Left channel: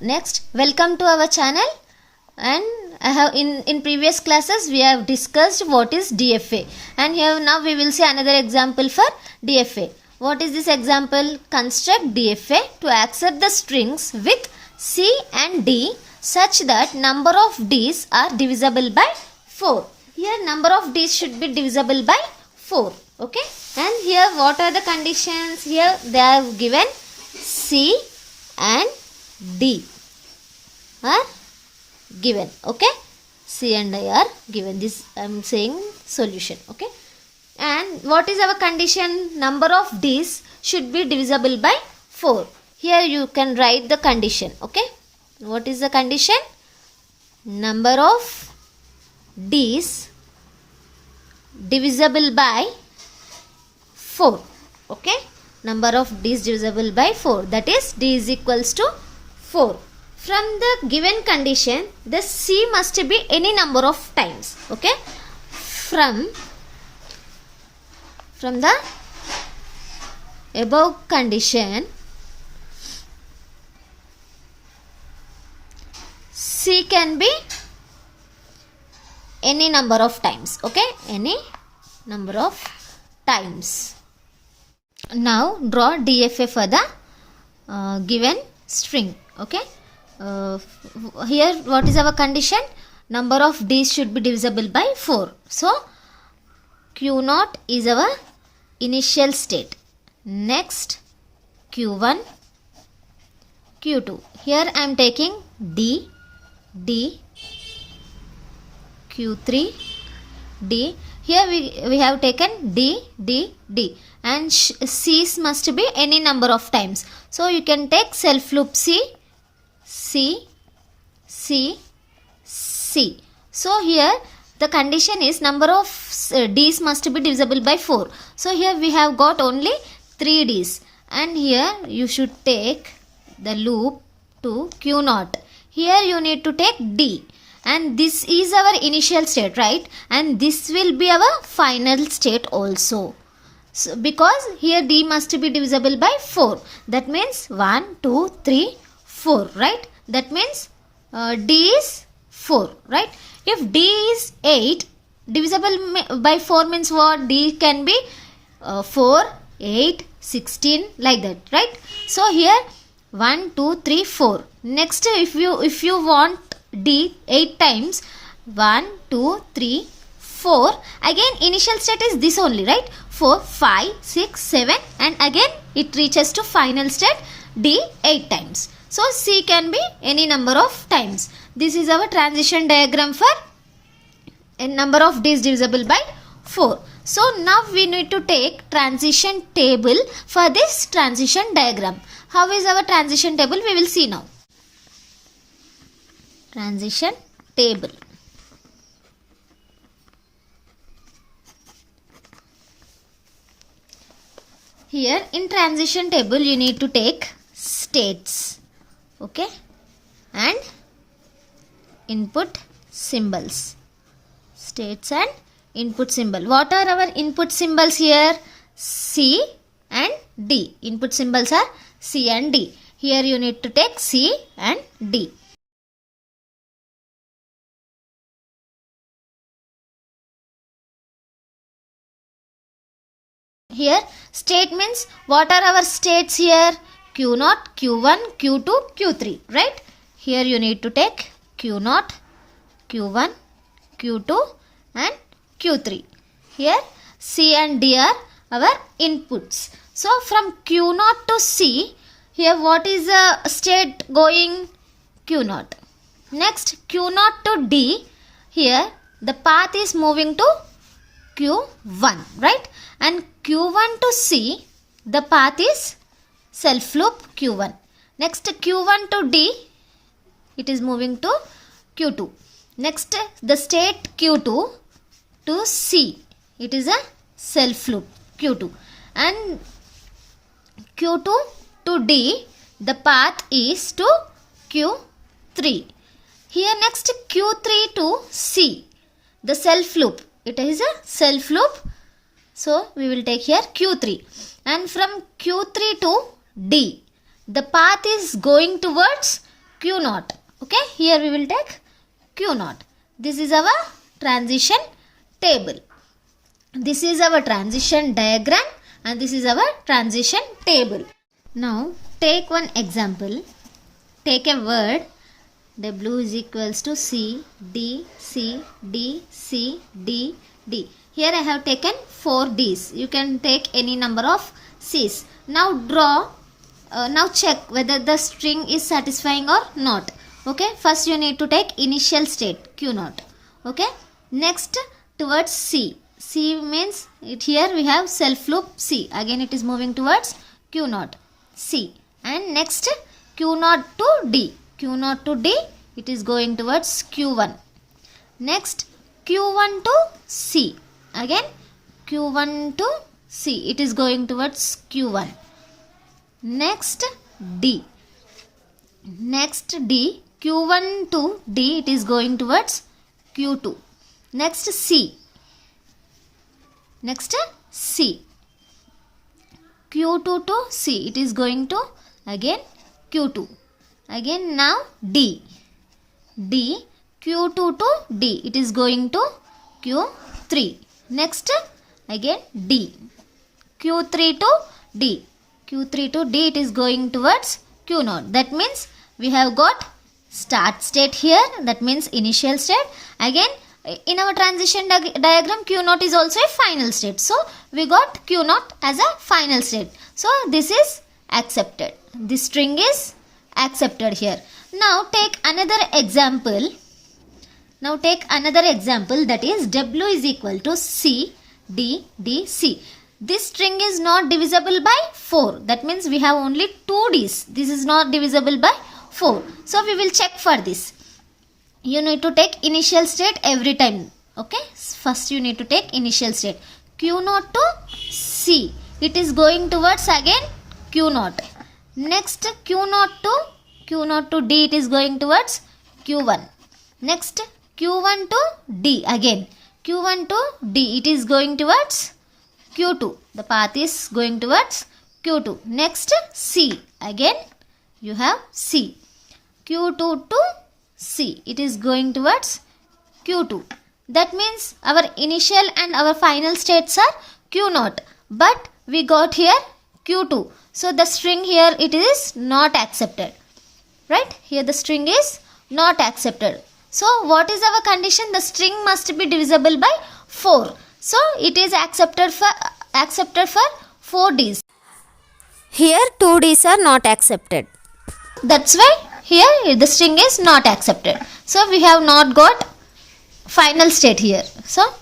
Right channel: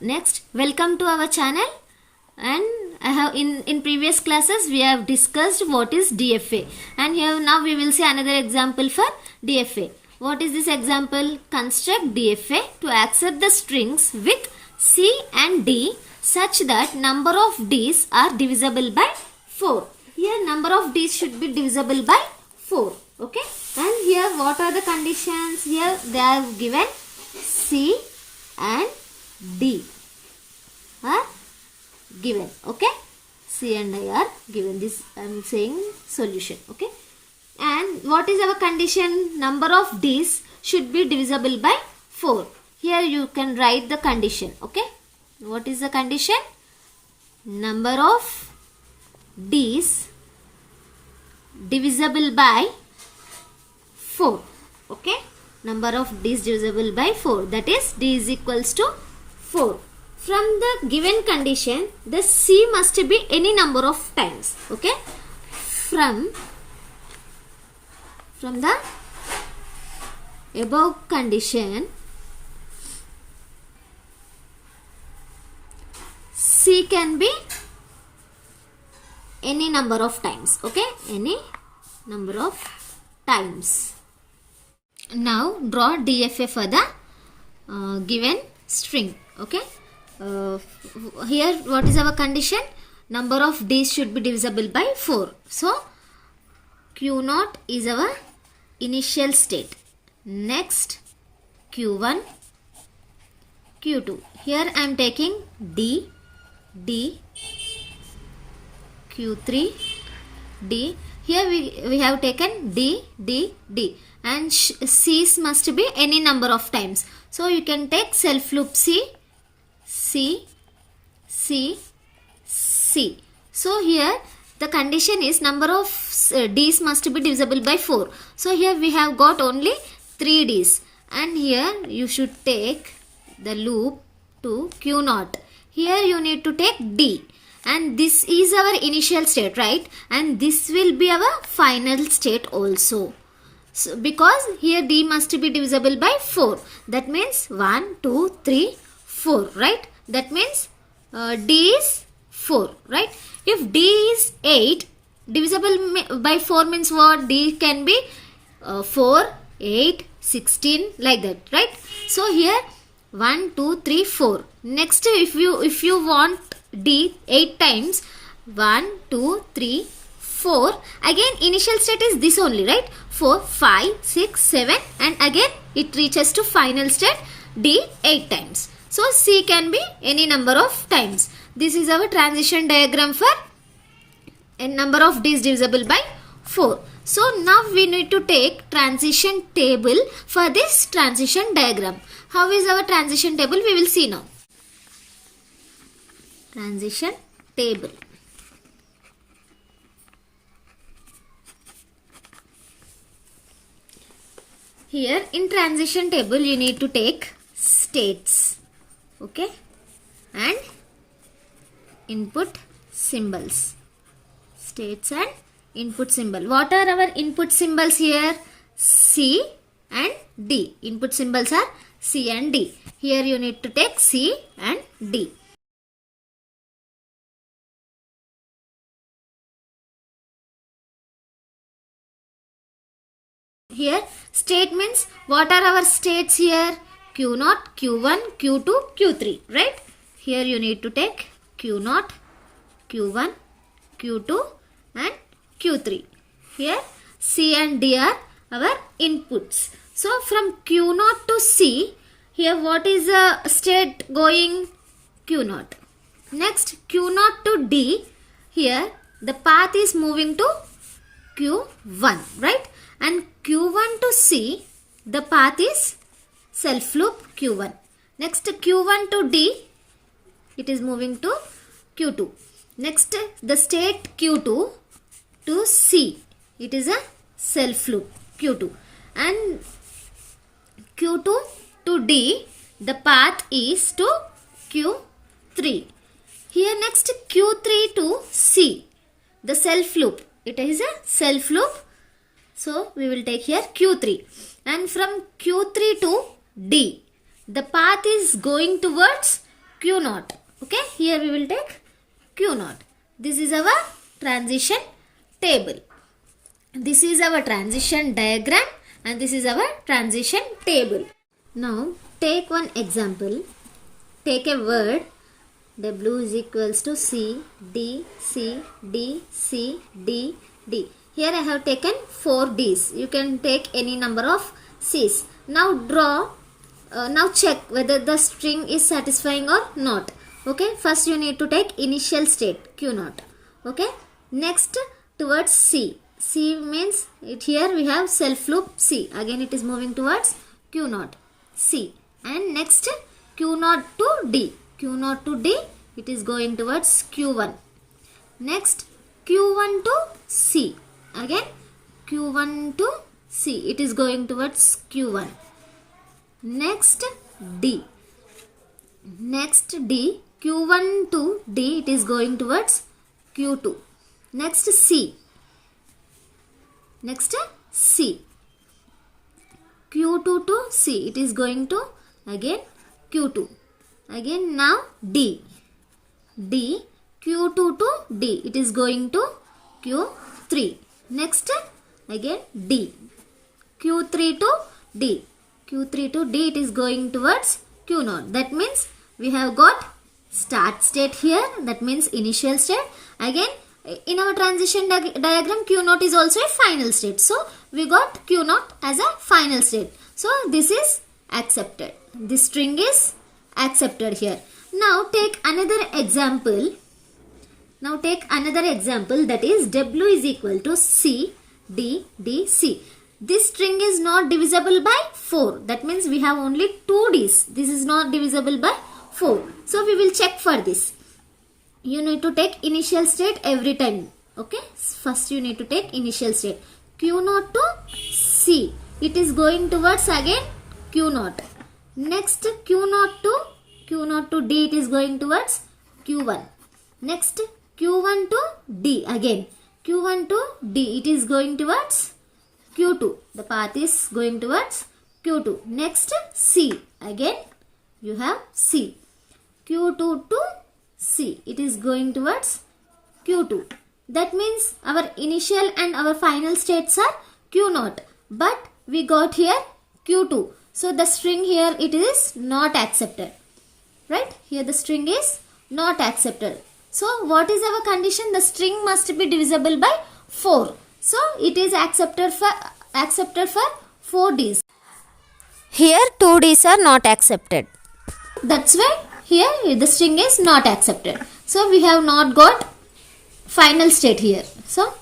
Next, welcome to our channel. And I have in previous classes we have discussed what is DFA, and here now we will see another example for DFA. What is this example? Construct DFA to accept the strings with C and D such that number of D's are divisible by 4. Here number of D's should be divisible by 4. Okay, and here what are the conditions? Here they have given C and D are given. Okay, C and I are given. This I am saying solution. Okay, and what is our condition? Number of D's should be divisible by 4. Here you can write the condition. Okay, what is the condition? Number of D's divisible by 4. Okay, number of D's divisible by 4, that is D is equals to 4. From the given condition, the C must be any number of times. Okay, from the above condition, C can be any number of times. Okay, any number of times. Now draw DFA for the given string. Okay, here what is our condition? Number of D's should be divisible by 4. So Q0 is our initial state. Next Q1, Q2. Here I am taking D, Q3, D. Here we have taken D, and C's must be any number of times. So you can take self loop C. So here the condition is number of D's must be divisible by 4. So here we have got only 3 D's, and here you should take the loop to Q0. Here you need to take D, and this is our initial state, right? And this will be our final state also. So because here D must be divisible by 4. That means 1, 2, 3, 4, right? That means D is 4, right? If D is 8, divisible by 4 means what? D can be 4, 8, 16, like that, right? So here 1, 2, 3, 4. Next, if you want D 8 times, 1, 2, 3, 4. Again initial state is this only, right? 4, 5, 6, 7, and again it reaches to final state D 8 times. So C can be any number of times. This is our transition diagram for a number of D's divisible by 4. So now we need to take transition table for this transition diagram. How is our transition table? We will see now. Transition table. Here in transition table you need to take states, okay, and input symbols. States and input symbol. What are our input symbols here? C and D. Input symbols are C and D. Here you need to take C and D. Here state means what are our states here? Q0, Q1, Q2, Q3, right? Here you need to take Q0, Q1, Q2 and Q3. Here C and D are our inputs. So from Q0 to C, here what is the state going? Q0. Next Q0 to D, here the path is moving to Q1, right? And Q1 to C, the path is self loop Q1. Next Q1 to D, it is moving to Q2. Next the state Q2 to C, it is a self loop Q2. And Q2 to D, the path is to Q3. Here next Q3 to C, the self loop, it is a self loop. So we will take here Q3, and from Q3 to D, the path is going towards Q0. Okay, here we will take Q0. This is our transition table. This is our transition diagram and this is our transition table. Now take one example. Take a word W is equals to C, D, C, D, C, D, D. Here I have taken 4 D's. You can take any number of C's. Now draw, now check whether the string is satisfying or not. Okay, first you need to take initial state Q0. Okay, next towards C. C means here we have self loop C. Again it is moving towards Q0, C. And next Q0 to D. Q0 to D, it is going towards Q1. Next Q1 to C. Again Q1 to C, it is going towards Q1. Next D. Next D, Q1 to D, it is going towards Q2. Next C. Next C. Q2 to C, it is going to again Q2. Again now D. D. Q2 to D, it is going to Q3. Next again D. Q3 to D. Q3 to D, it is going towards Q0. That means we have got start state here. That means initial state. Again in our transition diagram Q0 is also a final state. So we got Q0 as a final state. So this is accepted. This string is accepted here. Now take another example. Now take another example, that is W is equal to C, D, D, C. This string is not divisible by 4. That means we have only 2 D's. This is not divisible by 4. So we will check for this. You need to take initial state every time. Okay. First you need to take initial state. Q0 to C. It is going towards again Q0. Next Q0 to D, it is going towards Q1. Next Q1 to D, again Q1 to D, it is going towards Q2. The path is going towards Q2. Next C, again you have C. Q2 to C, it is going towards Q2. That means our initial and our final states are Q0, but we got here Q2. So the string here, it is not accepted. Right? Here the string is not accepted. So what is our condition? The string must be divisible by 4. So it is accepted for 4 D's. Here 2 D's are not accepted. That's why here the string is not accepted. So we have not got final state here. So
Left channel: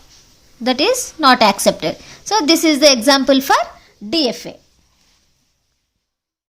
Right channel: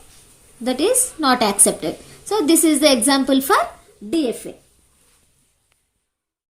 that is not accepted. So this is the example for DFA.